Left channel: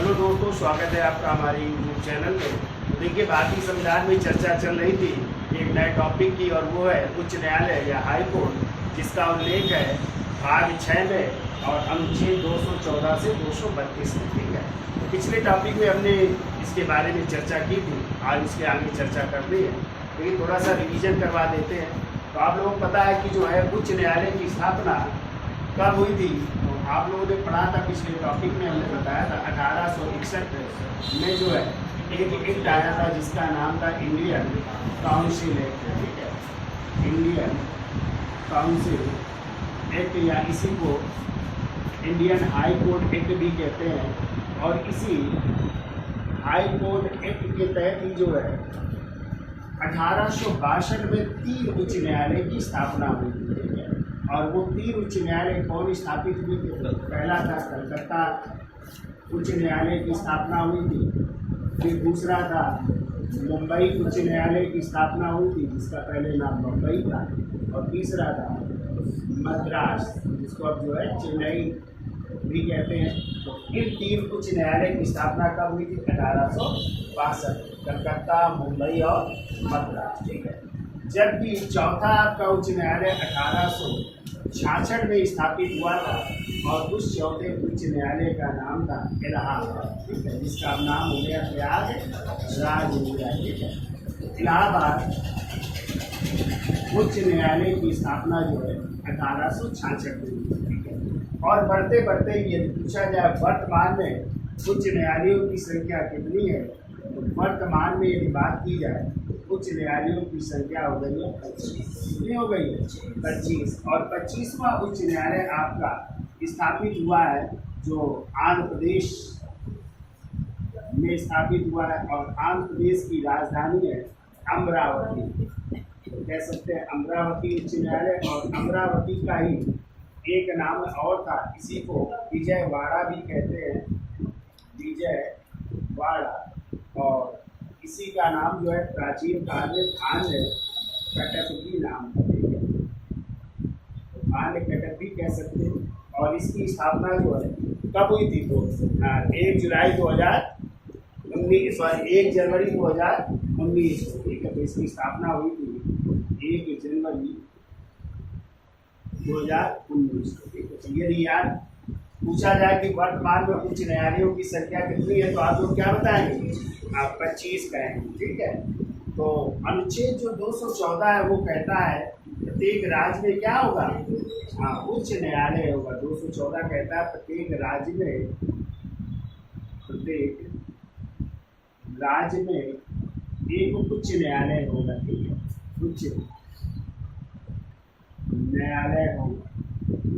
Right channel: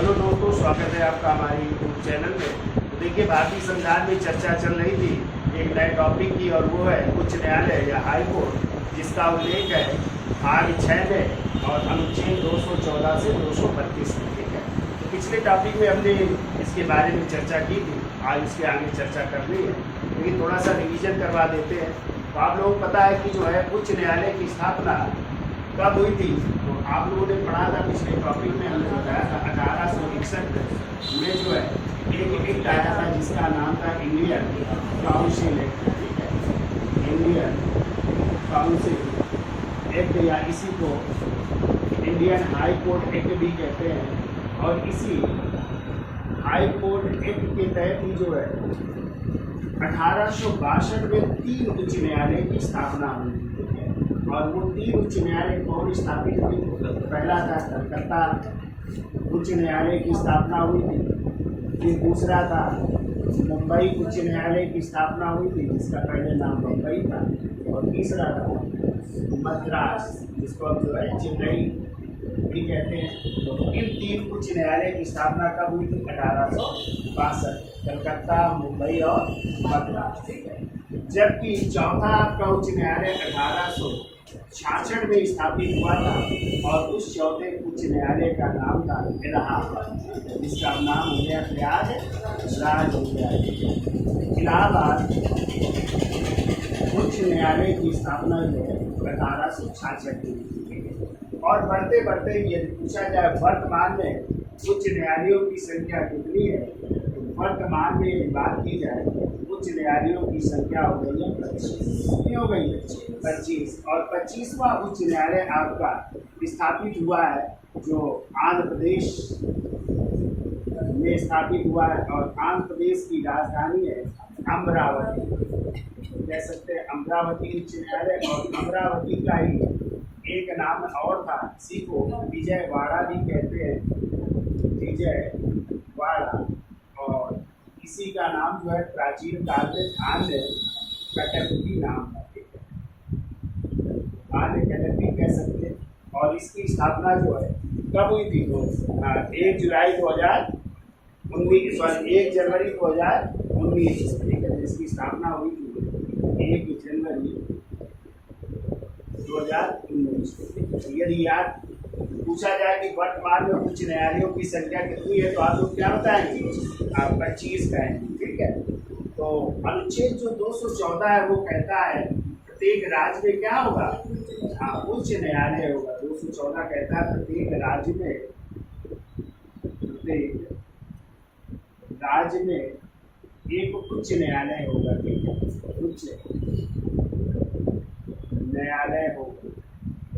Hello दोस्तों, स्वागत है आपका हमारे यूट्यूब चैनल में। तो देखिए, भारतीय संविधान में चर्चा चल रही थी एक नए टॉपिक की, और वो है उच्च न्यायालय या हाई कोर्ट, जिसका उल्लेख है भाग 6 में और अनुच्छेद 214 से 232 में। ठीक है, तो पिछले टॉपिक में हमने इसके बारे में चर्चा की थी, आज इसके आगे चर्चा करनी है, लेकिन थोड़ा सा रिवीजन करवा देते हैं। तो आप लोगों को पता है कि जो है उच्च न्यायालय की स्थापना कब हुई थी। तो आप लोगों ने पढ़ा था पिछले टॉपिक में, हमने बताया था 1861 में जो है एक एक्ट आया था जिसका नाम था इंडियन काउंसिल एक्ट। ठीक है, इंडियन काउंसिल एक्ट या इसी को इंडियन हाई कोर्ट एक्ट भी कहते हैं। और इसी हाई कोर्ट एक्ट के तहत ही जो है 1862 में 3 उच्च न्यायालय की स्थापना हुई थी। और वो 3 उच्च न्यायालय कौन स्थापित हुई थी? पहला था कलकत्ता उच्च न्यायालय की स्थापना हुई थी। फिर दूसरा था मुंबई उच्च न्यायालय की स्थापना हुई थी, जिसका पहले नाम बम्बई था। और तीसरा था मद्रास, जिसको अब जो है चेन्नई भी कहते हैं। तो इन 3 उच्च न्यायालय की स्थापना कब हुई थी? 1862, कलकत्ता, मुंबई और मद्रास। ठीक है, जबकि चौथा आपका उच्च न्यायालय 1866 में स्थापित हुआ था, और उस चौथे उच्च न्यायालय का नाम था इलाहाबाद। ठीक है, जिसका नाम हो गया प्रयागराज हो गया। ठीक है, इलाहाबाद उच्च न्यायालय की स्थापना जो है 1866 में हुई। ठीक है, और बढ़ते बढ़ते यदि पूछा जाए वर्तमान में उच्च न्यायालयों की संख्या कितनी है, तो वर्तमान में यदि बात की जाए उच्च न्यायालयों की संख्या हो गई है 25। कितनी हो गई है? 25। और 25वां उच्च न्यायालय आपका स्थापित हुआ है जो आंध्र प्रदेश में स्थापित हुआ है, और आंध्र प्रदेश की राजधानी है अमरावती। तो कह सकते हैं अमरावती उच्च न्यायालय। और अमरावती का ही एक नाम और था, इसी को विजयवाड़ा भी कहते हैं, विजयवाड़ा। और इसी का नाम जो है प्राचीन काल में आंध्र कटपी नाम था। ठीक है, आंध्र कटपी कह सकते हैं। और इसकी स्थापना जो है कब हुई थी? तो 1 जनवरी 2019। ठीक है, तो इसकी स्थापना हुई थी 1 जनवरी 2019 को। ठीक है, यदि याद पूछा जाए कि वर्तमान में उच्च न्यायालयों की संख्या कितनी है, तो आप लोग क्या बताएंगे? आप 25 कहेंगे। ठीक है, तो अनुच्छेद जो 214 है वो कहता है प्रत्येक राज्य में क्या होगा? उच्च न्यायालय होगा। 214 कहता है प्रत्येक राज्य में एक उच्च न्यायालय होगा। ठीक है, उच्च न्यायालय होगा।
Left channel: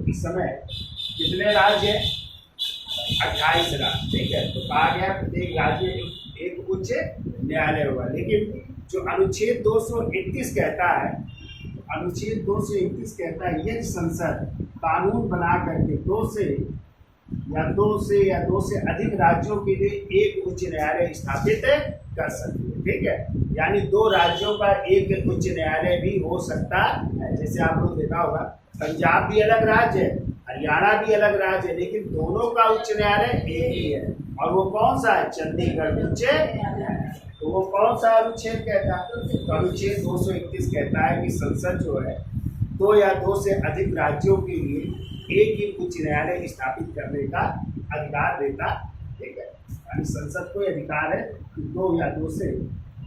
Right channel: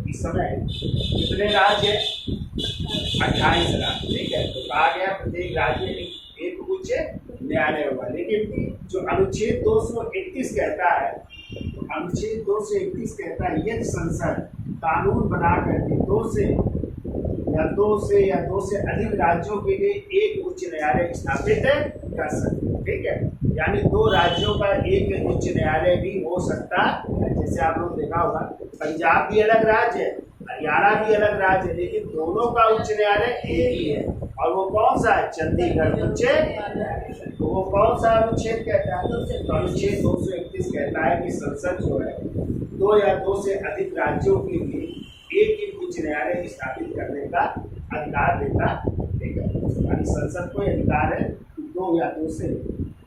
इस समय कितने राज्य है? 28 राज्य। ठीक है, तो कहा गया प्रत्येक राज्य में एक उच्च न्यायालय होगा। लेकिन जो अनुच्छेद 231 कहता है, तो अनुच्छेद 231 कहता है यदि संसद कानून बना करके 2 से अधिक राज्यों के लिए एक उच्च न्यायालय स्थापित कर सकते हैं। ठीक है, यानी 2 राज्यों का एक उच्च न्यायालय भी हो सकता है। जैसे आप लोग देखा होगा पंजाब भी अलग राज्य है, हरियाणा भी अलग राज्य है, लेकिन दोनों का उच्च न्यायालय एक ही है। और वो कौन सा है? चंडीगढ़ उच्च न्यायालय। तो वो कौन सा अनुच्छेद कहता है? तो अनुच्छेद 231 कहता है कि संसद जो है 2 या 2 से अधिक राज्यों के लिए एक ही उच्च न्यायालय स्थापित करने का अधिकार देता। ठीक है, यानी संसद को अधिकार है कि 2 या 2 से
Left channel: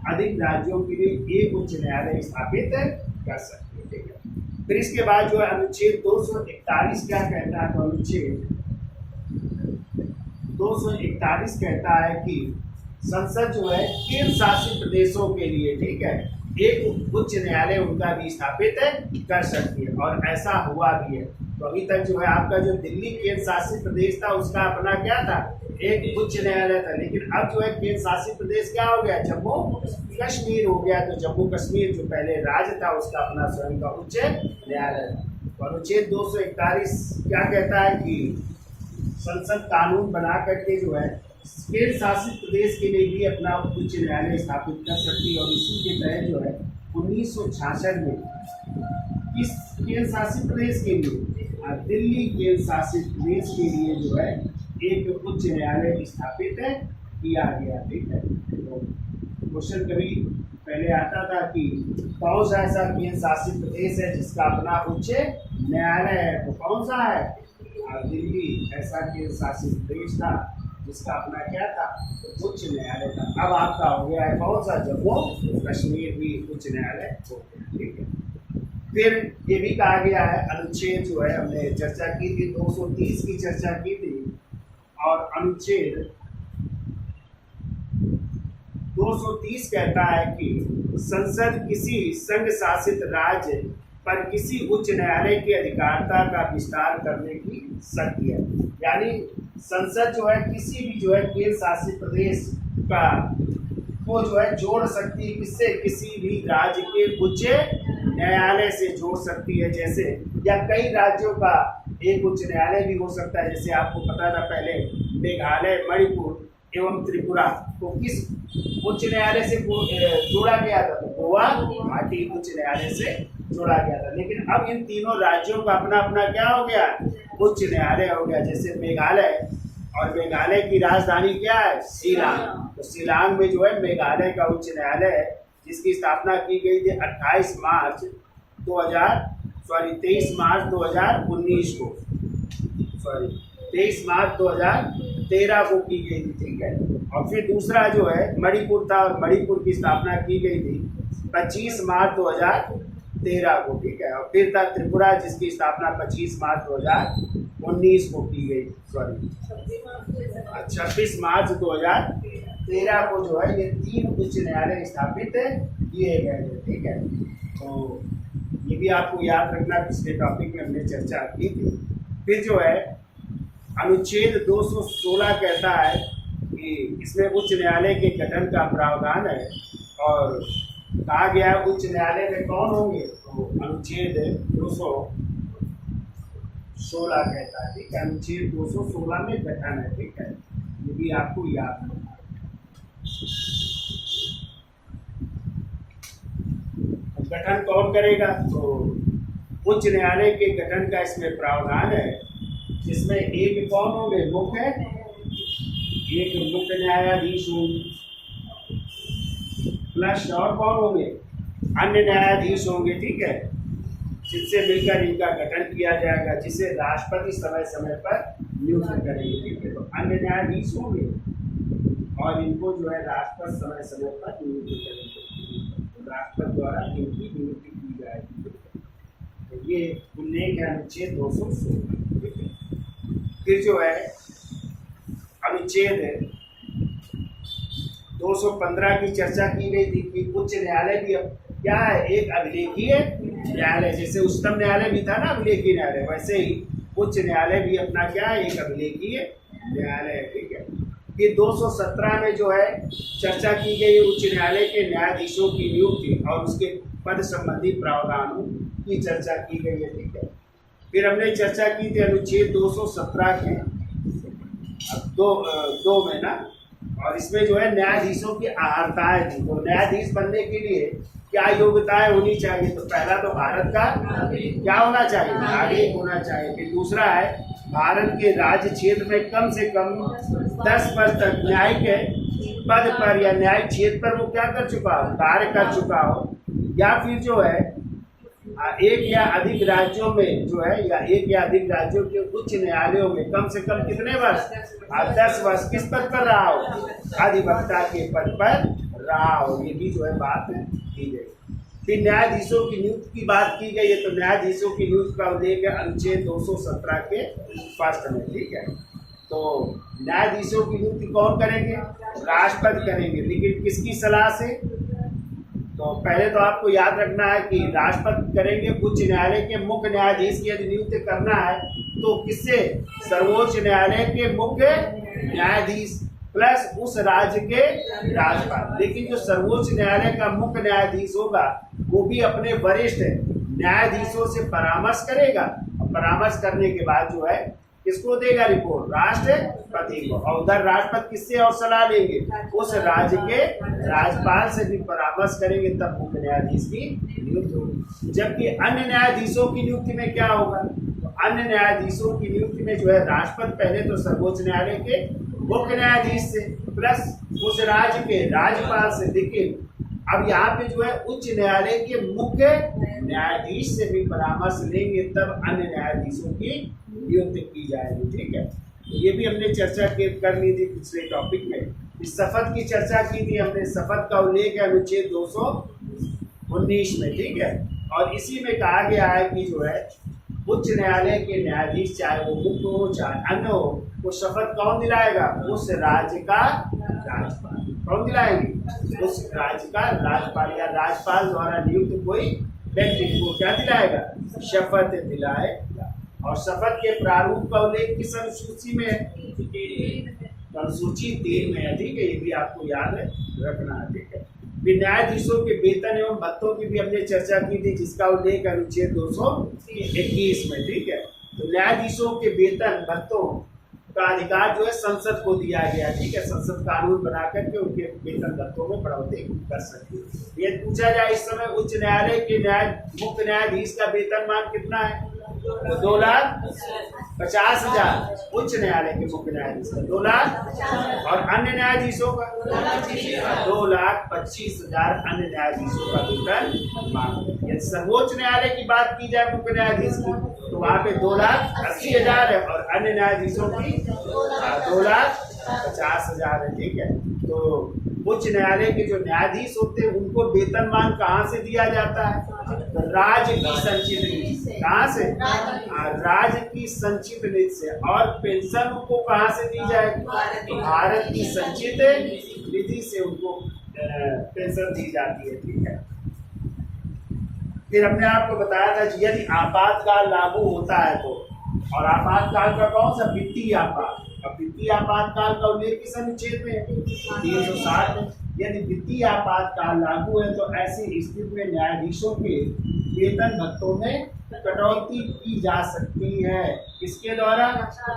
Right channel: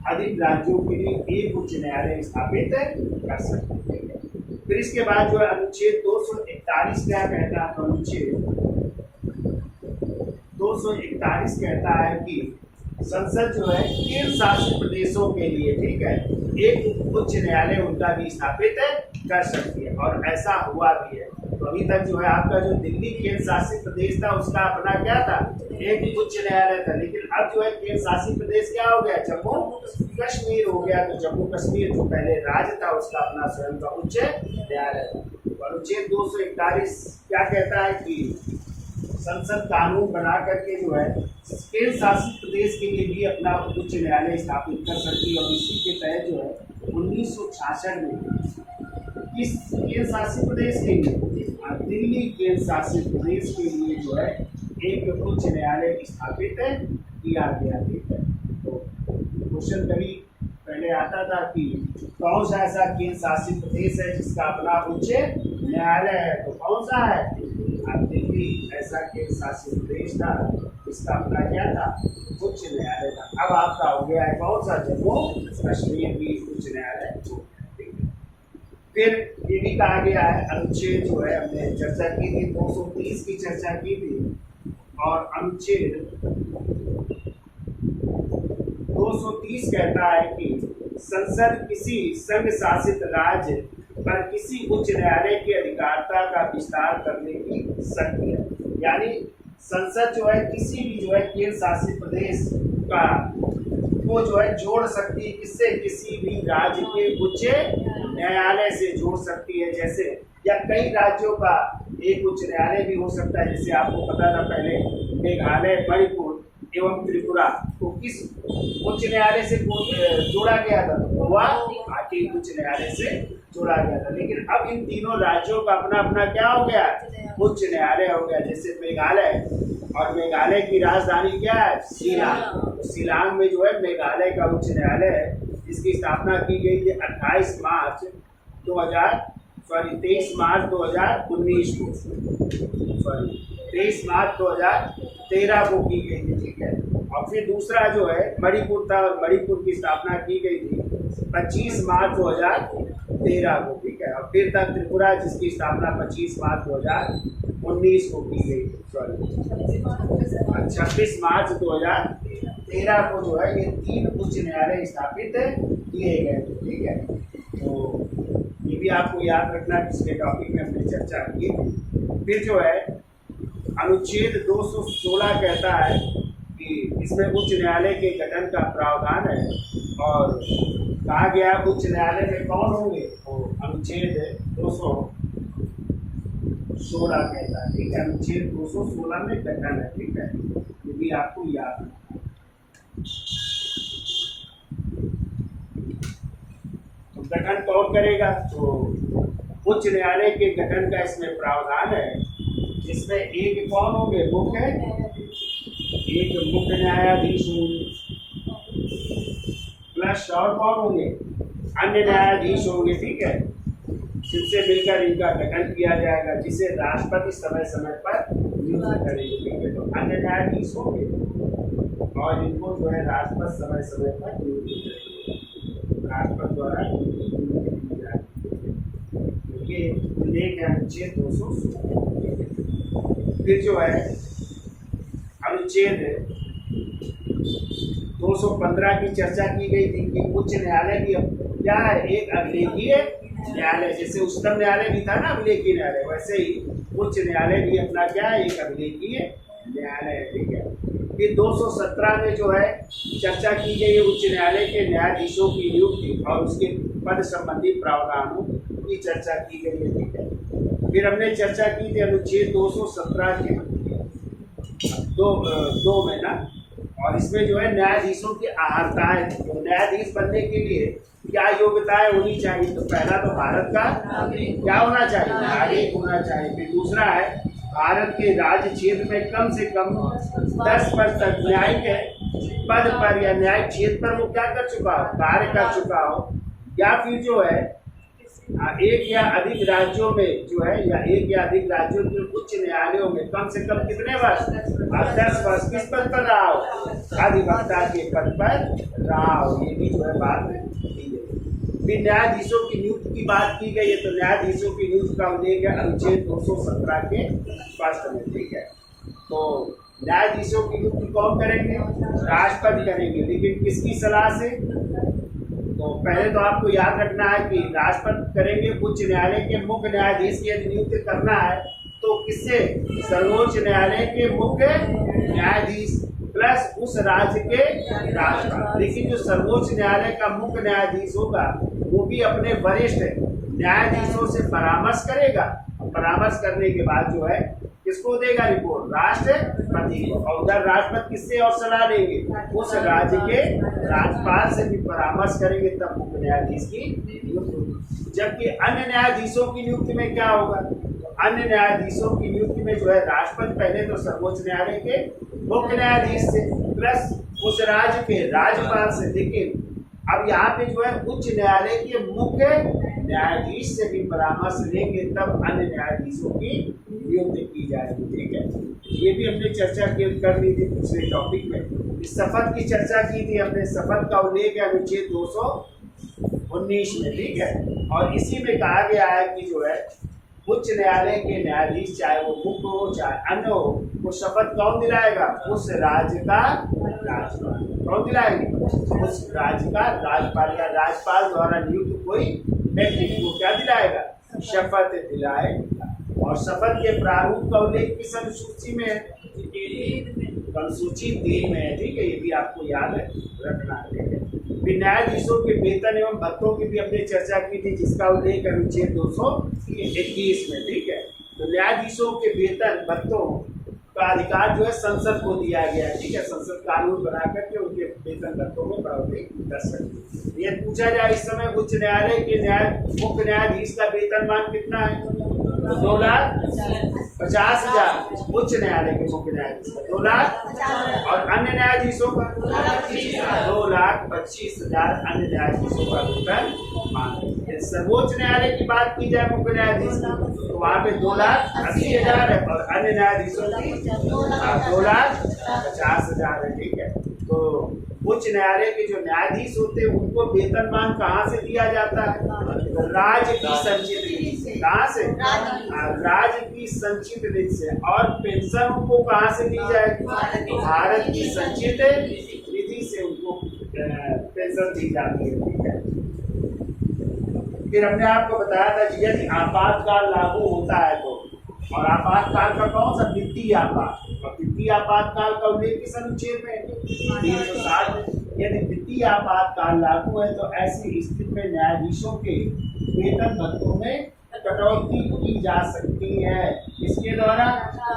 अधिक राज्यों के लिए एक उच्च न्यायालय स्थापित कर सकते हैं। ठीक है, फिर इसके बाद जो है अनुच्छेद 241 क्या कहता है? तो अनुच्छेद 241 कहता है कि संसद जो है केंद्र शासित प्रदेशों के लिए, ठीक है, एक उच्च न्यायालय उनका भी स्थापित कर सकती है। और ऐसा हुआ भी है। तो अभी तक जो है आपका जो दिल्ली केंद्र शासित प्रदेश था उसका अपना क्या था? एक उच्च न्यायालय था। लेकिन अब जो है केंद्र शासित प्रदेश क्या हो गया? जम्मू कश्मीर हो गया। तो जम्मू कश्मीर जो पहले राज्य था उसका अपना स्वयं का उच्च न्यायालय था। अनुच्छेद 241 क्या कहता है कि संसद कानून बना करके जो है केंद्र शासित प्रदेश के लिए भी अपना उच्च न्यायालय स्थापित कर सकती है। और इसी के तहत जो है 1966 में किस केंद्र शासित प्रदेश के लिए? दिल्ली केंद्र शासित प्रदेश के लिए जो है एक उच्च न्यायालय स्थापित किया गया। ठीक है, तो क्वेश्चन कभी पहले आता था कि कौन सा ऐसा केंद्र शासित प्रदेश है जिसका अपना उच्च न्यायालय है, तो कौन सा है? आप दिल्ली ऐसा केंद्र शासित प्रदेश था जिसका अपना क्या था? उच्च न्यायालय था। अब आपका हो गया है कौन सा? जम्मू कश्मीर भी उच्च न्यायालय हो गया। ठीक है, फिर ये भी कहा गया है, अनुच्छेद जो है हमने चर्चा की थी, 230 की चर्चा की थी, और अनुच्छेद 230 कहता है कि संसद किसी संघ शासित राज्य पर किसी उच्च न्यायालय की अधिकारिता का विस्तार करने की शक्ति है। यानी संसद जो है किसी भी जो है केंद्र शासित प्रदेश का को जो है जोड़ सकती है, किससे? किसी भी राज्य के उच्च न्यायालय से जोड़ सकती है। जैसे या कई राज्यों का एक उच्च न्यायालय भी हो सकता है। जैसे आपको पता था पहले मेघालय, मणिपुर एवं त्रिपुरा को किस उच्च न्यायालय से जोड़ा गया था? तो गोवा घाटी उच्च न्यायालय से जोड़ा गया था। लेकिन अब इन तीनों राज्यों का अपना अपना क्या हो गया? उच्च न्यायालय हो गया। जैसे मेघालय, और मेघालय की राजधानी क्या है? शिलांग। तो शिलांग में जो है मेघालय का उच्च न्यायालय है, जिसकी स्थापना की गई थी 23 मार्च 2019 को, 23 मार्च 2013 को की गई थी। ठीक है, और फिर दूसरा जो है मणिपुर था, और मणिपुर की स्थापना की गई थी 25 मार्च 2013 को। ठीक है, और फिर था त्रिपुरा, जिसकी स्थापना 25 मार्च 2019 को की गई, 26 मार्च 2013 को जो है ये 3 उच्च न्यायालय स्थापित किए गए थे। ठीक है, तो ये भी आपको याद रखना, पिछले टॉपिक में हमने चर्चा की थी। फिर जो है अनुच्छेद 216 कहता है कि इसमें उच्च न्यायालय के गठन का प्रावधान है, और कहा गया है उच्च न्यायालय में कौन होंगे? तो अनुच्छेद 216 कहता है। ठीक है, अनुच्छेद 216 में गठन है। ठीक है, ये भी आपको याद रखना। तो गठन कौन करेगा? तो उच्च न्यायालय के गठन का इसमें प्रावधान है, जिसमें एक कौन होंगे? एक मुख्य न्यायाधीश होंगे, प्लस और कौन होंगे? अन्य न्यायाधीश होंगे। ठीक है, जिनसे मिलकर इनका गठन किया जाएगा, जिसे राष्ट्रपति समय समय पर नियुक्त करेंगे। ठीक है, तो अन्य न्यायाधीश होंगे और इनको जो है राष्ट्रपति समय समय पर नियुक्त करेंगे, राष्ट्रपति द्वारा इनकी नियुक्ति की जाएगी। ये उल्लेख है अनुच्छेद 216। फिर जो है अनुच्छेद 215 की चर्चा की गई थी कि उच्च न्यायालय भी क्या है? एक अभिलेखीय न्यायालय। जैसे उच्चतम न्यायालय भी था ना अभिलेखीय न्यायालय, वैसे ही उच्च न्यायालय भी अपना क्या है? एक अभिलेखीय न्यायालय है। ठीक है, फिर 217 में जो है चर्चा की गई है उच्च न्यायालय के न्यायाधीशों की नियुक्ति और उसके पद संबंधी प्रावधानों की चर्चा की गई है। ठीक है, फिर हमने चर्चा की थी अनुच्छेद 217 के दो में ना, और इसमें जो है न्यायाधीशों की अहर्ताएं थी। तो न्यायाधीश बनने के लिए क्या योग्यताएं होनी चाहिए? तो पहला तो भारत का क्या होना चाहिए? नागरिक होना चाहिए। फिर दूसरा है भारत के राज्य क्षेत्र में कम से कम 10% न्यायिक पद पर या न्यायिक क्षेत्र पर वो क्या कर चुका हो? कार्य कर चुका हो। या फिर जो है एक या अधिक राज्यों में जो है, या एक या अधिक राज्यों के उच्च न्यायालयों में कम से कम कितने वर्ष? 10 वर्ष किस पद पर रहा हो? अधिवक्ता के पद पर रहा हो। ये भी जो है बात की गई। फिर न्यायाधीशों की नियुक्ति की बात की गई है, तो न्यायाधीशों की नियुक्ति का उल्लेख है अनुच्छेद 217 के फर्स्ट में। ठीक है, तो न्यायाधीशों की नियुक्ति कौन करेंगे? राष्ट्रपति करेंगे। लेकिन किसकी सलाह से? तो पहले तो आपको याद रखना है कि राष्ट्रपति करेंगे। उच्च न्यायालय के मुख्य न्यायाधीश की यदि नियुक्ति करना है तो किससे? सर्वोच्च न्यायालय के मुख्य न्यायाधीश प्लस उस राज्य के राज्यपाल। लेकिन जो सर्वोच्च न्यायालय का मुख्य न्यायाधीश होगा वो भी अपने वरिष्ठ न्यायाधीशों से परामर्श करेगा। परामर्श करने के बाद जो है किसको देगा रिपोर्ट? राष्ट्रपति को। और उधर राष्ट्रपति किससे और सलाह लेंगे? उस राज्य के राज्यपाल से भी परामर्श करेंगे, तब मुख्य न्यायाधीश की नियुक्ति होगी। जबकि अन्य न्यायाधीशों की नियुक्ति में क्या होगा? तो अन्य न्यायाधीशों की नियुक्ति में जो है राष्ट्रपति पहले तो सर्वोच्च न्यायालय के मुख्य न्यायाधीश से प्लस उस राज्य के राज्यपाल से, लेकिन अब यहाँ पे जो है उच्च न्यायालय के मुख्य न्यायाधीश से भी परामर्श लेंगे, तब अन्य न्यायाधीशों की नियुक्ति की जाएगी। ठीक है, ये भी हमने चर्चा कर ली थी पिछले टॉपिक में। इस शपथ की चर्चा की थी हमने, शपथ का उल्लेख है अनुच्छेद 219 में। ठीक है, और इसी में कहा गया है कि जो है उच्च न्यायालय के न्यायाधीश, चाहे वो मुख्य हो चाहे अन्य हो, वो शपथ कौन दिलाएगा? उस राज्य का राज्यपाल। कौन दिलाएंगे? उस राज्य का राज्यपाल या राज्यपाल द्वारा नियुक्त कोई व्यक्ति को क्या दिलाएगा? शपथ दिलाएगा। और शपथ के प्रारूप का उल्लेख किस अनुसूची में है? अनुसूची 3 में है। ठीक है, ये भी आपको याद रखना है। ठीक है, फिर न्यायाधीशों के वेतन एवं भत्तों की भी हमने चर्चा की थी, जिसका उल्लेख अनुच्छेद 221 में। ठीक है, तो न्यायाधीशों के वेतन भत्तों का अधिकार जो है संसद को दिया गया। ठीक है, संसद कानून बना करके उनके वेतन भत्तों में बढ़ोतरी कर सकती है। ये पूछा जाए इस समय उच्च न्यायालय के मुख्य न्यायाधीश का वेतनमान कितना है? तो 2,50,000 उच्च न्यायालय के मुख्य न्यायाधीश का, 2 लाख, और अन्य न्यायाधीशों का 2,25,000 अन्य न्यायाधीशों का वेतन मांग। यदि सर्वोच्च न्यायालय की बात की जाए मुख्य न्यायाधीश की, तो वहाँ पे 2,80,000 है, और अन्य न्यायाधीशों की 2,50,000 है। ठीक है, तो उच्च न्यायालय के जो न्यायाधीश होते हैं उनको वेतनमान कहाँ से दिया जाता है? राज्य की संचित निधि से। कहाँ से? राज्य की संचित निधि से। और पेंशन उनको कहाँ से दी जाएगी? तो भारत की संचित निधि से उनको पेंशन दी जाती है। ठीक है, फिर हमने आपको बताया था कि यदि आपातकाल लागू होता है तो, और आपातकाल का कौन सा? वित्तीय आपात। और वित्तीय आपातकाल का उल्लेख किस अनुच्छेद में? 360 में। यदि वित्तीय आपातकाल लागू है तो ऐसी स्थिति में न्यायाधीशों के वेतन भत्तों में कटौती की जा सकती है। किसके द्वारा?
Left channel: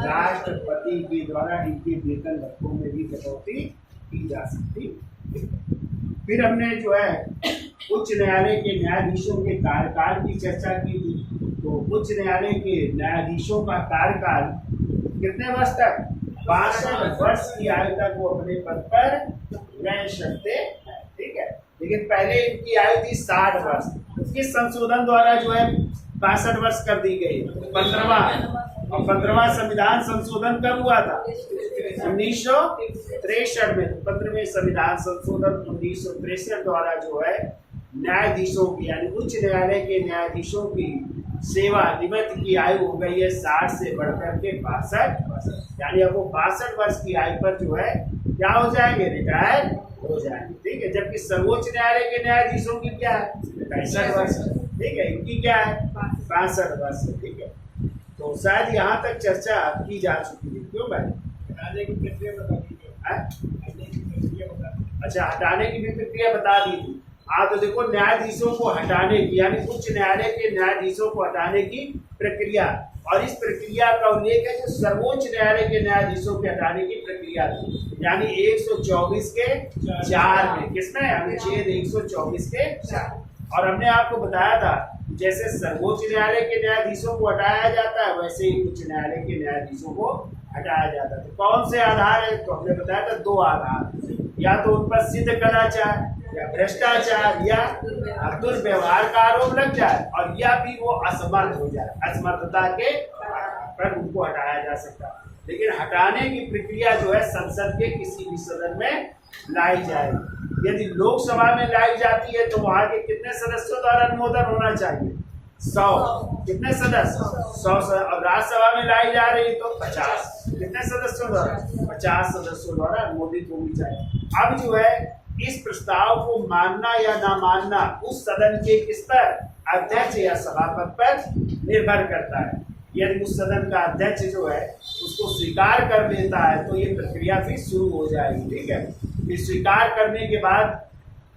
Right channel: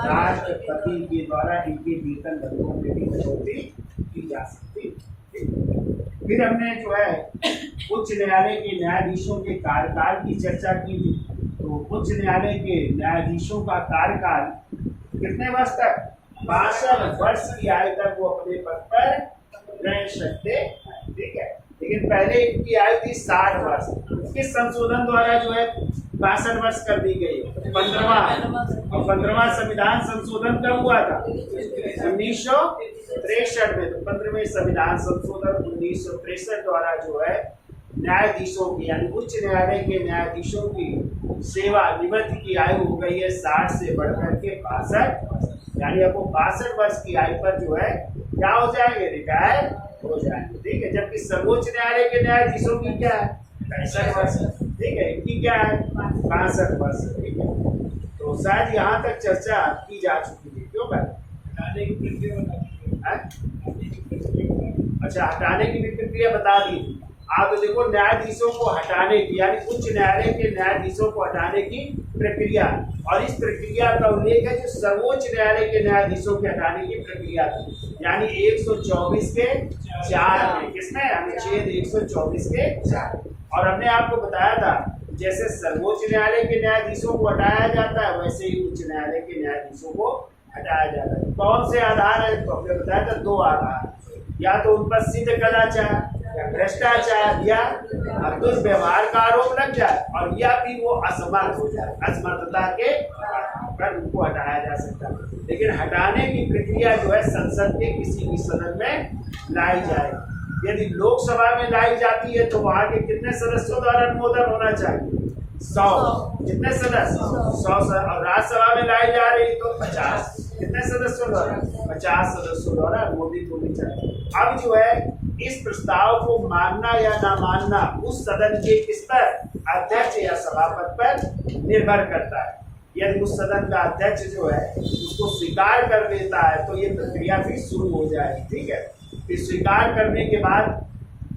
राष्ट्रपति के द्वारा इनके वेतन भत्तों में भी कटौती की जा सकती है। फिर हमने जो है उच्च न्यायालय के न्यायाधीशों के कार्यकाल की चर्चा की थी। तो उच्च न्यायालय के न्यायाधीशों का कार्यकाल कितने वर्ष तक? 62 वर्ष की आयु तक वो अपने पद पर रह सकते हैं। ठीक है, लेकिन पहले इनकी आयु थी 60 वर्ष। किस संशोधन द्वारा जो है 62 वर्ष कर दी गई? 15वां संविधान संशोधन कब हुआ था? 1963 में। तो 15वें संविधान संशोधन 1963 द्वारा जो है न्यायाधीशों की, यानी उच्च न्यायालय के न्यायाधीशों की सेवा निवृत्ति की आयु हो गई है 60 से बढ़कर के 62 वर्ष। यानी अब वो 62 वर्ष की आयु पर जो है क्या हो जाएंगे? रिटायर हो जाएंगे। ठीक है, जबकि सर्वोच्च न्यायालय के न्यायाधीशों की क्या है? 65 वर्ष। ठीक है, इनकी क्या है? 62 वर्ष। ठीक है, तो शायद यहाँ तक चर्चा की जा चुकी थी। क्यों भाई? हटाने की प्रक्रिया बता दी। अच्छा, हटाने की भी प्रक्रिया बता दी थी। हाँ, तो देखो न्यायाधीशों को हटाने की, यानी उच्च न्यायालय के न्यायाधीशों को हटाने की प्रक्रिया, और इस प्रक्रिया का उल्लेख है जो सर्वोच्च न्यायालय के न्यायाधीशों के हटाने की प्रक्रिया थी, यानी 124 के 4 में। किसमें? अनुच्छेद 124 के 4। और हमने आपको बताया था जैसे सर्वोच्च न्यायालय के न्यायाधीशों को हटाया जाता है, वैसे ही उच्च न्यायालय के न्यायाधीशों को हटाया जाता है। कौन से आधार है? तो हमने बताया था 2 आधार, या तो उन पर सिद्ध कदाचार या भ्रष्टाचार या दुर्व्यवहार का आरोप लग जाए, और या फिर वो असमर्थ हो जाए, असमर्थता के पर उनको हटाया जा सकता है। लेकिन हटाने की प्रक्रिया जो है संसद के किसी भी सदन में लाई जाएगी। यदि लोकसभा में लाई जाती है तो वहां के कितने सदस्यों द्वारा अनुमोदन होना चाहिए? 100। कितने सदस्य? 100। और राज्यसभा में लाई जा रही तो 50। कितने सदस्यों द्वारा? 50 सदस्यों द्वारा अनुमोदित होनी चाहिए। अब जो है इस प्रस्ताव को मानना या ना मानना उस सदन के किस पर? अध्यक्ष या सभापति पर निर्भर करता है। यदि उस सदन का अध्यक्ष जो है उसको स्वीकार कर लेता है तो ये प्रक्रिया फिर शुरू हो जाएगी। ठीक है, फिर स्वीकार करने के बाद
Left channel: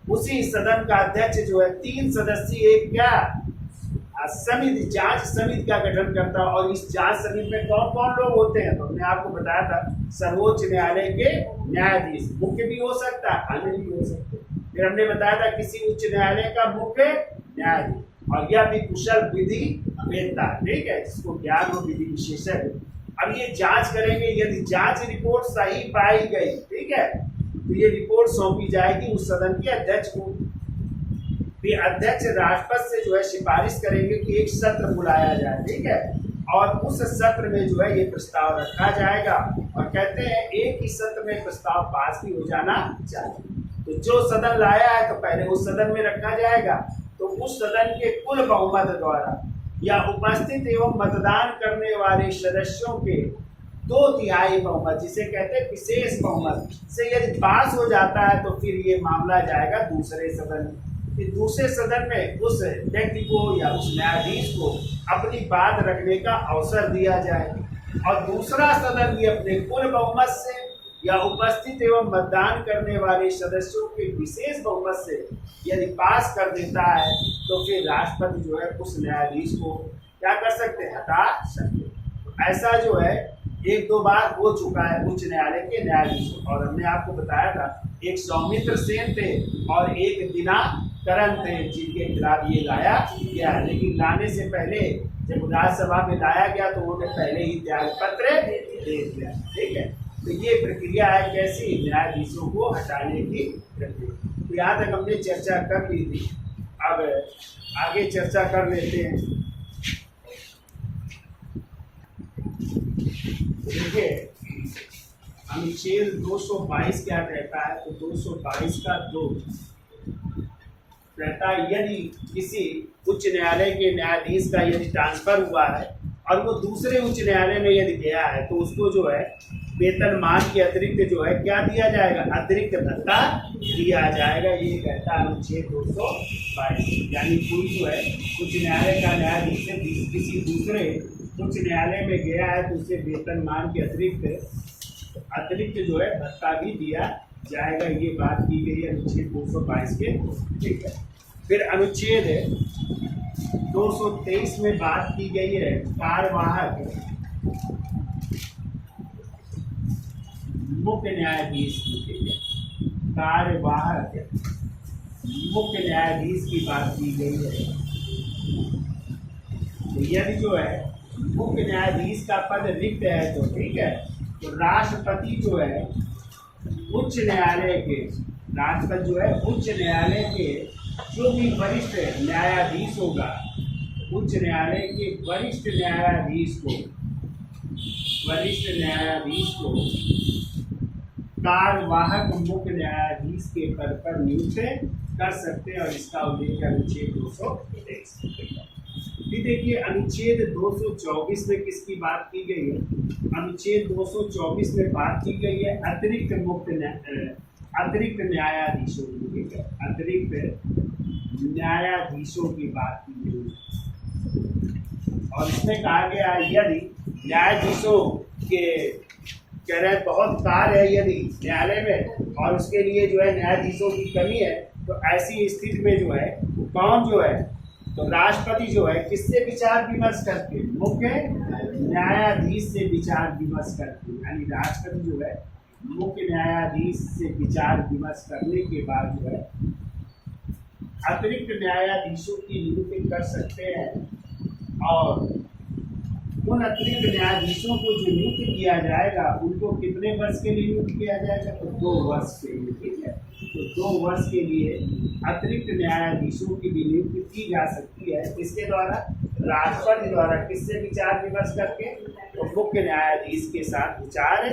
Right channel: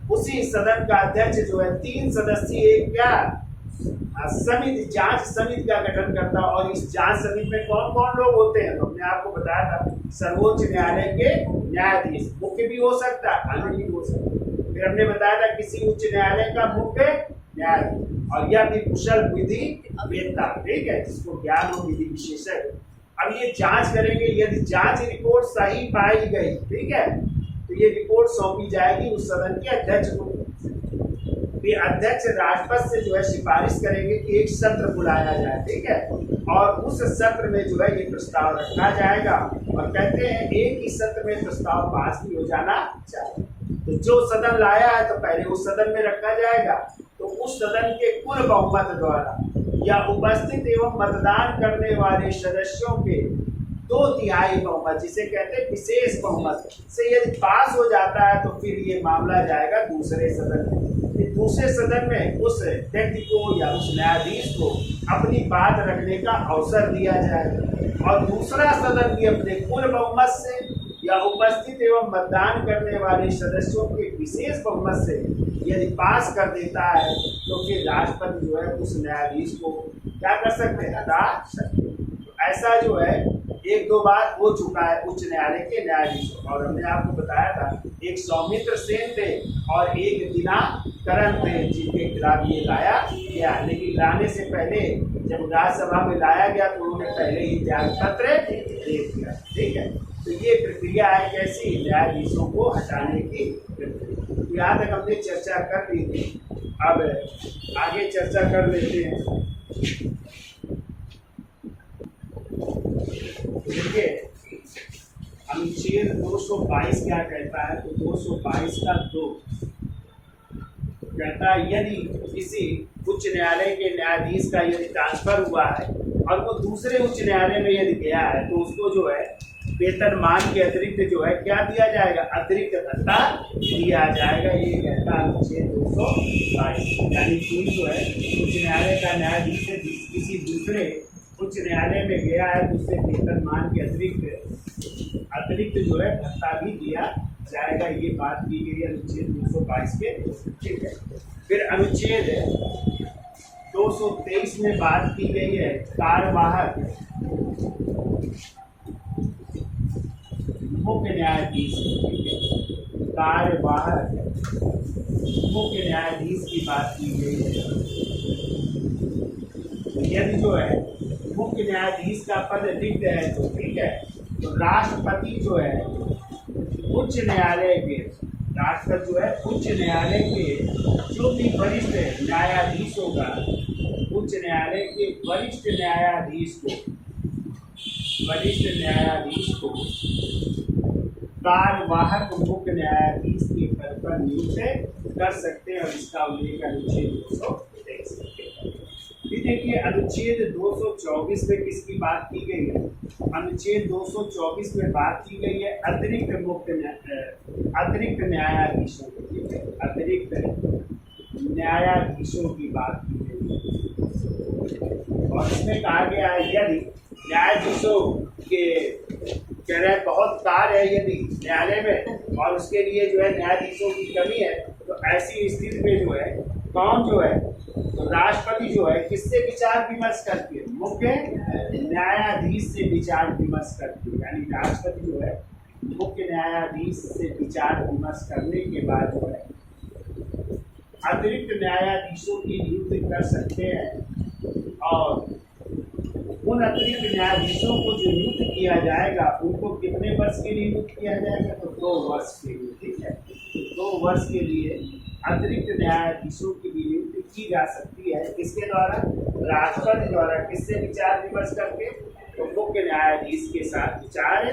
उसी सदन का अध्यक्ष जो है 3 सदस्यीय एक क्या समिति, जांच समिति का गठन करता है। और इस जांच समिति में कौन कौन लोग होते हैं? तो हमने आपको बताया था, सर्वोच्च न्यायालय के न्यायाधीश, मुख्य भी हो सकता है, अन्य भी हो सकते हैं। फिर हमने बताया था किसी उच्च न्यायालय का मुख्य न्यायाधीश, और यह भी कुशल विधि वेत्ता, ठीक है, जिसको ज्ञान और विधि विशेषज्ञ। अब ये जांच करेंगे, यदि जांच रिपोर्ट सही पाई गई, ठीक है, तो ये रिपोर्ट सौंपी जाएगी उस सदन के अध्यक्ष को। फिर अध्यक्ष राष्ट्रपति से जो है सिफारिश करेंगे कि एक सत्र बुलाया जाए, ठीक है, और उस सत्र में जो है ये प्रस्ताव रखा जाएगा। और कहते हैं एक ही सत्र में प्रस्ताव पास भी हो जाना चाहिए। तो जो सदन लाया है तो पहले उस सदन में रखा जाएगा, तो उस सदन के कुल बहुमत द्वारा या उपस्थित एवं मतदान करने वाले सदस्यों के 2/3 बहुमत, जिसे कहते हैं विशेष बहुमत से यदि पास हो जाता है तो फिर ये मामला जाएगा दूसरे सदन में। फिर दूसरे सदन में उस व्यक्ति को या उस न्यायाधीश को अपनी बात रखने का अवसर दिया जाएगा। और दूसरा सदन भी अपने कुल बहुमत से या उपस्थित एवं मतदान करने वाले सदस्यों के विशेष बहुमत से यदि पास कर देता है तो फिर राष्ट्रपति जो है उस न्यायाधीश को क्या कर सकते हैं? हटा सकते हैं। तो ऐसा जो है 1-2 बार हो चुका है उच्च न्यायालय के न्यायाधीश। और हमने आपको बताया था एक सौमित्र सेन थे और एक दिनाकरण थे जिनके खिलाफ ये लाया गया, लेकिन लाने से पहले जब राज्यसभा में लाया गया तो उन्होंने पहले ही त्याग पत्र दे दिया, ठीक है। तो ये प्रक्रिया है कैसी? न्यायाधीशों को हटाने की प्रक्रिया। तो यहाँ तक हमने चर्चा कर ली थी, अब आगे चर्चा कर लेते हैं। देखिए अनुच्छेद 222 क्या कहता है? तो 222 का 2 कहता है यदि किसी उच्च न्यायालय के न्यायाधीश का यदि ट्रांसफर हुआ है और वो दूसरे उच्च न्यायालय में यदि गया है तो उसको जो है वेतनमान के अतिरिक्त जो है क्या दिया जाएगा? अतिरिक्त भत्ता दिया जाएगा। ये कहता है अनुच्छेद 222। यानी कोई जो है उच्च न्यायालय का न्यायाधीश किसी दूसरे उच्च न्यायालय में गया है तो उससे वेतनमान के अतिरिक्त जो है भत्ता भी दिया जाएगा। ये बात की गई है अनुच्छेद 222 के, ठीक है। फिर अनुच्छेद 223 में बात की गई है कार्यवाहक मुख्य न्यायाधीश, ठीक है, कार्यवाहक मुख्य न्यायाधीश की बात की गई है। यदि जो है मुख्य न्यायाधीश का पद रिक्त है तो ठीक है, तो राष्ट्रपति जो है उच्च न्यायालय के, राष्ट्रपति जो है उच्च न्यायालय के जो भी वरिष्ठ न्यायाधीश होगा, उच्च न्यायालय के वरिष्ठ न्यायाधीश को कार्यवाहक मुख्य न्यायाधीश के पद पर नियुक्त कर सकते हैं। और इसका उल्लेख अनुच्छेद 223। फिर देखिए अनुच्छेद 224 में किसकी बात की गई है? अनुच्छेद 224 में बात की गई है अतिरिक्त न्यायाधीशों की, ठीक है, अतिरिक्त न्यायाधीशों की बात की गई है। और इसमें कहा गया है यदि न्यायाधीशों के कह रहे बहुत कार्य है यदि न्यायालय में और उसके लिए जो है न्यायाधीशों की कमी है, तो ऐसी स्थिति में जो है कौन जो है, तो राष्ट्रपति जो है किससे विचार विमर्श करके? मुख्य न्यायाधीश से विचार विमर्श करके। यानी राष्ट्रपति जो है मुख्य न्यायाधीश से विचार विमर्श करने के बाद जो है अतिरिक्त न्यायाधीशों की नियुक्ति कर सकते हैं। और उन अतिरिक्त न्यायाधीशों को जो नियुक्त किया जाएगा उनको कितने वर्ष के लिए नियुक्त किया जाएगा? तो 2 वर्ष के लिए, ठीक है। तो 2 वर्ष के लिए अतिरिक्त न्यायाधीशों की भी नियुक्ति की जा सकती है। किसके द्वारा? राष्ट्रपति द्वारा। किससे विचार विमर्श करके? तो मुख्य न्यायाधीश के साथ विचार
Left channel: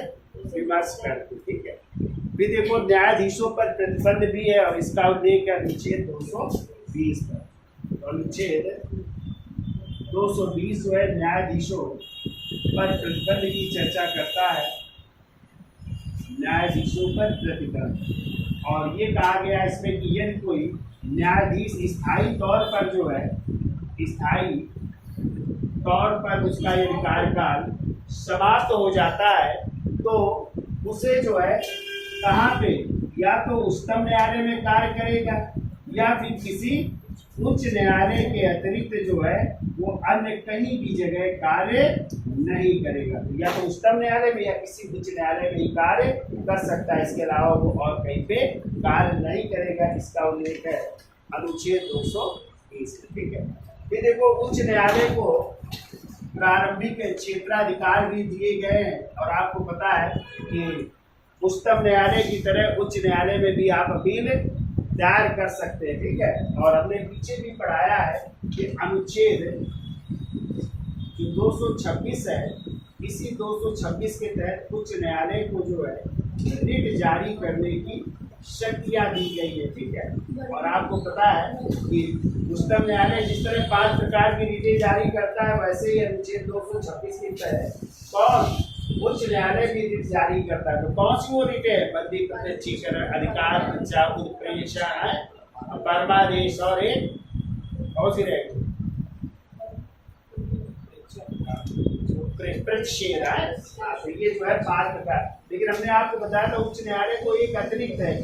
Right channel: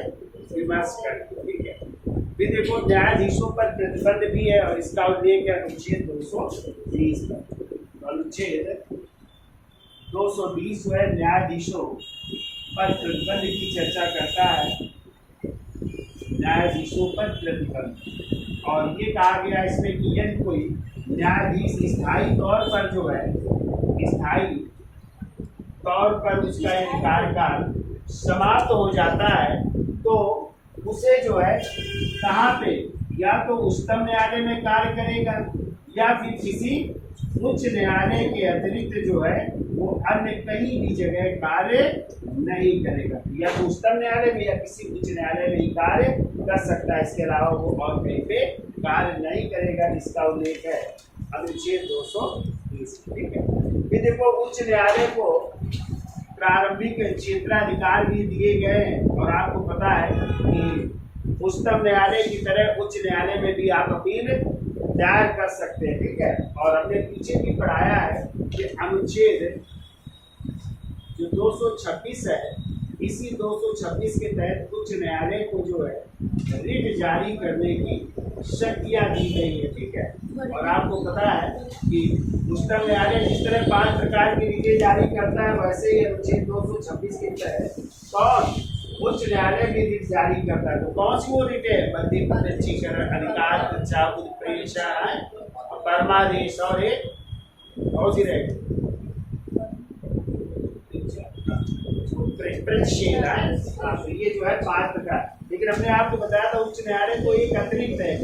विमर्श करके, ठीक है। फिर देखो न्यायाधीशों पर प्रतिबंध भी है और इसका उल्लेख है अनुच्छेद 220 पर। तो अनुच्छेद 220 जो है न्यायाधीशों पर प्रतिबंध की चर्चा करता है, न्यायाधीशों पर प्रतिबंध। और ये कहा गया इसमें कि यदि कोई न्यायाधीश स्थायी तौर पर जो है, स्थायी तौर पर उसका यदि कार्यकाल समाप्त हो जाता है तो उसे जो है कहाँ पे, या तो उच्चतम न्यायालय में कार्य करेगा या फिर किसी उच्च न्यायालय के अतिरिक्त जो है वो अन्य कहीं भी जगह कार्य नहीं करेगा। या तो उच्चतम न्यायालय में या किसी उच्च न्यायालय में ही कार्य कर सकता है, इसके अलावा वो और कहीं पे कार्य नहीं करेगा। इसका उल्लेख है अनुच्छेद 230। ठीक है, फिर देखो उच्च न्यायालय को प्रारंभिक क्षेत्राधिकार भी दिए गए हैं, और आपको पता है कि उच्चतम न्यायालय की तरह उच्च न्यायालय में भी आप अपील दायर कर सकते हैं। ठीक है, और हमने पीछे भी पढ़ाया है कि अनुच्छेद जो 226 है, इसी 226 के तहत उच्च न्यायालय को जो है रिट जारी करने की शक्तियां दी गई है। ठीक है, और आपको पता है कि उच्चतम न्यायालय जिस तरह 5 प्रकार की रिटें जारी करता है, वैसे ही अनुच्छेद 226 के तहत कौन उच्च न्यायालय भी रिट जारी करता है। तो कौन सी वो रिट है? बंदी प्रत्यक्षीकरण, अधिकार परीक्षा, उत्प्रेषण, परमादेश, और एक कौन सी रहेगी? प्रतिषेध है। तो ये जो है 5 प्रकार। लेकिन हमने आपको बताया था उच्च न्यायालय को एक अतिरिक्त है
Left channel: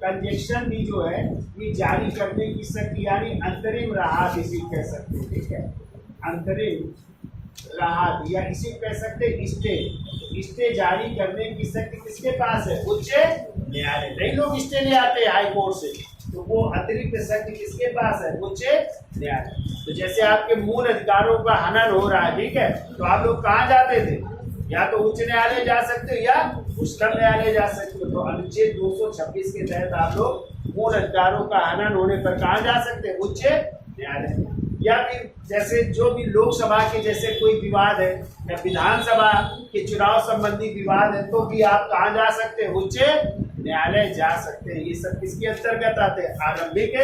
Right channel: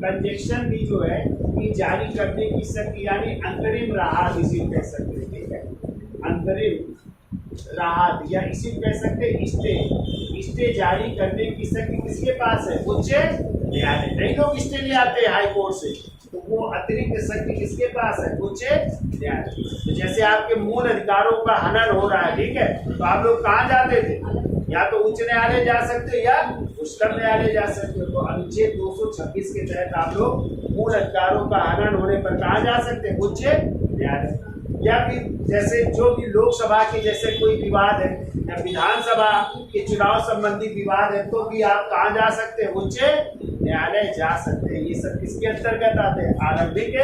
कंजेक्शन भी जो है ये जारी करने की शक्ति, यानी अंतरिम राहत इसी को कह सकते हैं। ठीक है, अंतरिम राहत या इसी को कह सकते हैं स्टे जारी करने की शक्ति किसके पास है? उच्च न्यायालय। कई लोग स्टे ले आते हैं हाई कोर्ट से, तो वो अतिरिक्त शक्ति किसके पास है? उच्च न्यायालय। तो जैसे आपके मूल अधिकारों का हनन हो रहा है, ठीक है, तो आप लोग कहाँ जाते थे? या तो उच्च न्यायालय जा सकते हो या उच्चतम न्यायालय जा सकते हो। तो अनुच्छेद 226 के तहत आप लोग मूल अधिकारों का हनन होने पर कहाँ जा सकते हैं? उच्च न्यायालय। या फिर जैसे जो भी लोकसभा के जैसे कोई विवाद है या विधानसभा के चुनाव संबंधी विवाद है, तो भी आप कहाँ जा सकते हैं? उच्च न्यायालय जा सकते हैं। ये सब किसके अंतर्गत आते हैं? आरंभिक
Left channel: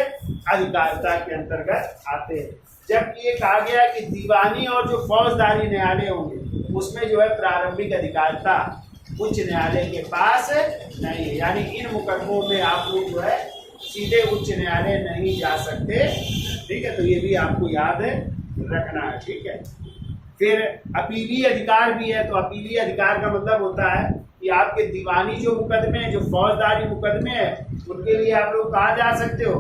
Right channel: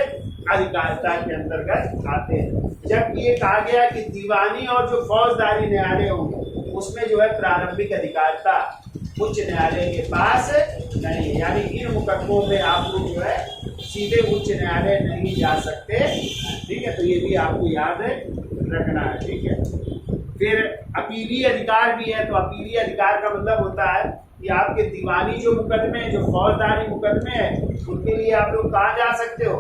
अधिकारिता के अंतर्गत आते हैं। जबकि ये कहा गया कि दीवानी और जो फौजदारी न्यायालय होंगे उसमें जो है प्रारंभिक अधिकारिता उच्च न्यायालय के पास नहीं है, यानी इन मुकदमों में आप लोग जो है सीधे उच्च न्यायालय नहीं जा सकते। ठीक है, तो ये भी आपको याद रखना है। ठीक है, फिर अपीलीय अधिकार भी है। तो अपीलीय अधिकार का मतलब होता है कि आपके दीवानी जो मुकदमे हैं, जो फौजदारी मुकदमे हैं, उनके लिए आप लोग कहाँ जा सकते हो?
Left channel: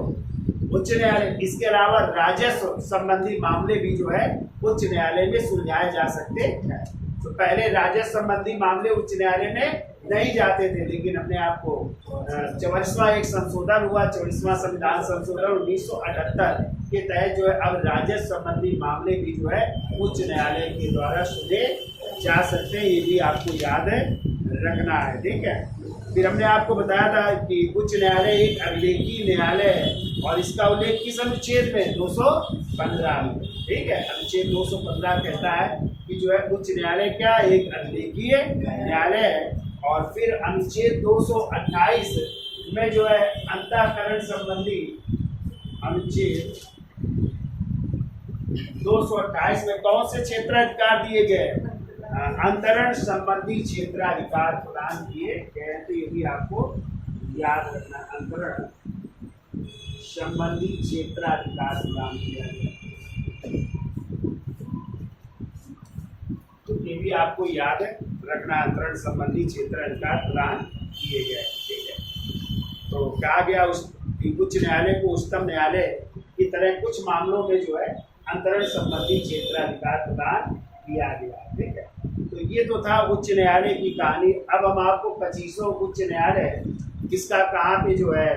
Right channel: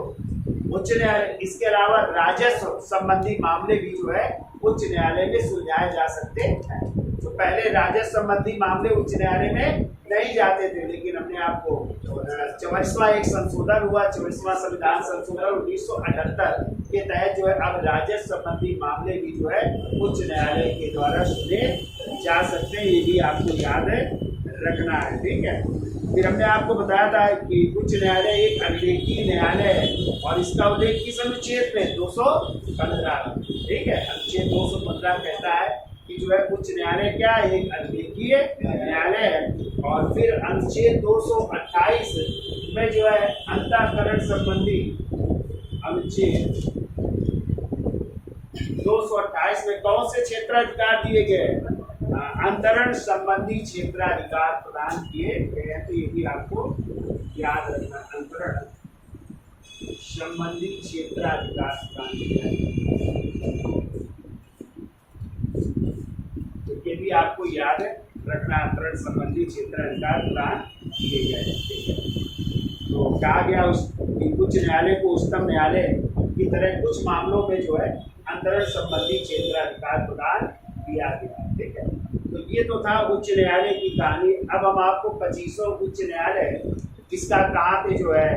उच्च न्यायालय। इसके अलावा राजस्व संबंधी मामले भी जो है उच्च न्यायालय में सुलझाए जा सकते हैं। तो पहले राजस्व संबंधी मामले उच्च न्यायालय में नहीं जाते थे, लेकिन हमने आपको 44वां एक संशोधन हुआ, 44वां संविधान संशोधन 1978 के तहत जो है अब राजस्व संबंधी मामले भी जो है उच्च न्यायालय के द्वारा सुने जा सकते हैं। ये भी आपको याद रखना है। ठीक है, फिर हमने आपको बताया था कि उच्च न्यायालय एक अभिलेखीय न्यायालय है, और इसका उल्लेख किस अनुच्छेद में? 215 में। ठीक है, अनुच्छेद 215 कहता है कि जो है उच्च न्यायालय क्या है? एक अभिलेखीय न्यायालय है। और फिर अनुच्छेद 228 में जो है अंतःकरण संबंधी, अनुच्छेद 228 में कौन से क्षेत्राधिकार दिए गए? अंतरण संबंधी क्षेत्राधिकार प्रदान किए गए हैं। तो ये भी आपको याद रखना, अंतरण संबंधी क्षेत्राधिकार प्रदान किया गया, तो ये भी आपको याद रखना, अंतरण संबंधी क्षेत्राधिकार प्रदान किए गए। ठीक है, तो कहा गया उच्च न्यायालय को उच्चतम न्यायालय की तरह कुछ मामलों में जो है अंतरण संबंधी क्षेत्राधिकार प्रदान किया गया। ठीक है, तो ये तो था उच्च न्यायालय की कहानी। अब हम आपको 25 उच्च न्यायालय किसका कहाँ पे जो है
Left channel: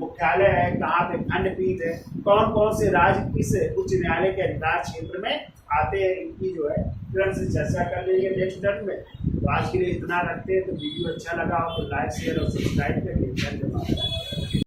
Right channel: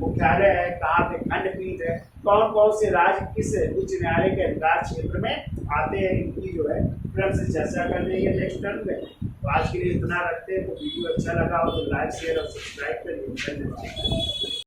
मुख्यालय है, कहाँ पे खंडपीठ है, कौन कौन से राज्य किस उच्च न्यायालय के अधिकार क्षेत्र में आते हैं, इनकी जो है क्रम से चर्चा कर लेंगे नेक्स्ट टर्म में। तो आज के लिए इतना रखते हैं। तो वीडियो अच्छा लगा हो तो लाइक शेयर और सब्सक्राइब करिए। धन्यवाद।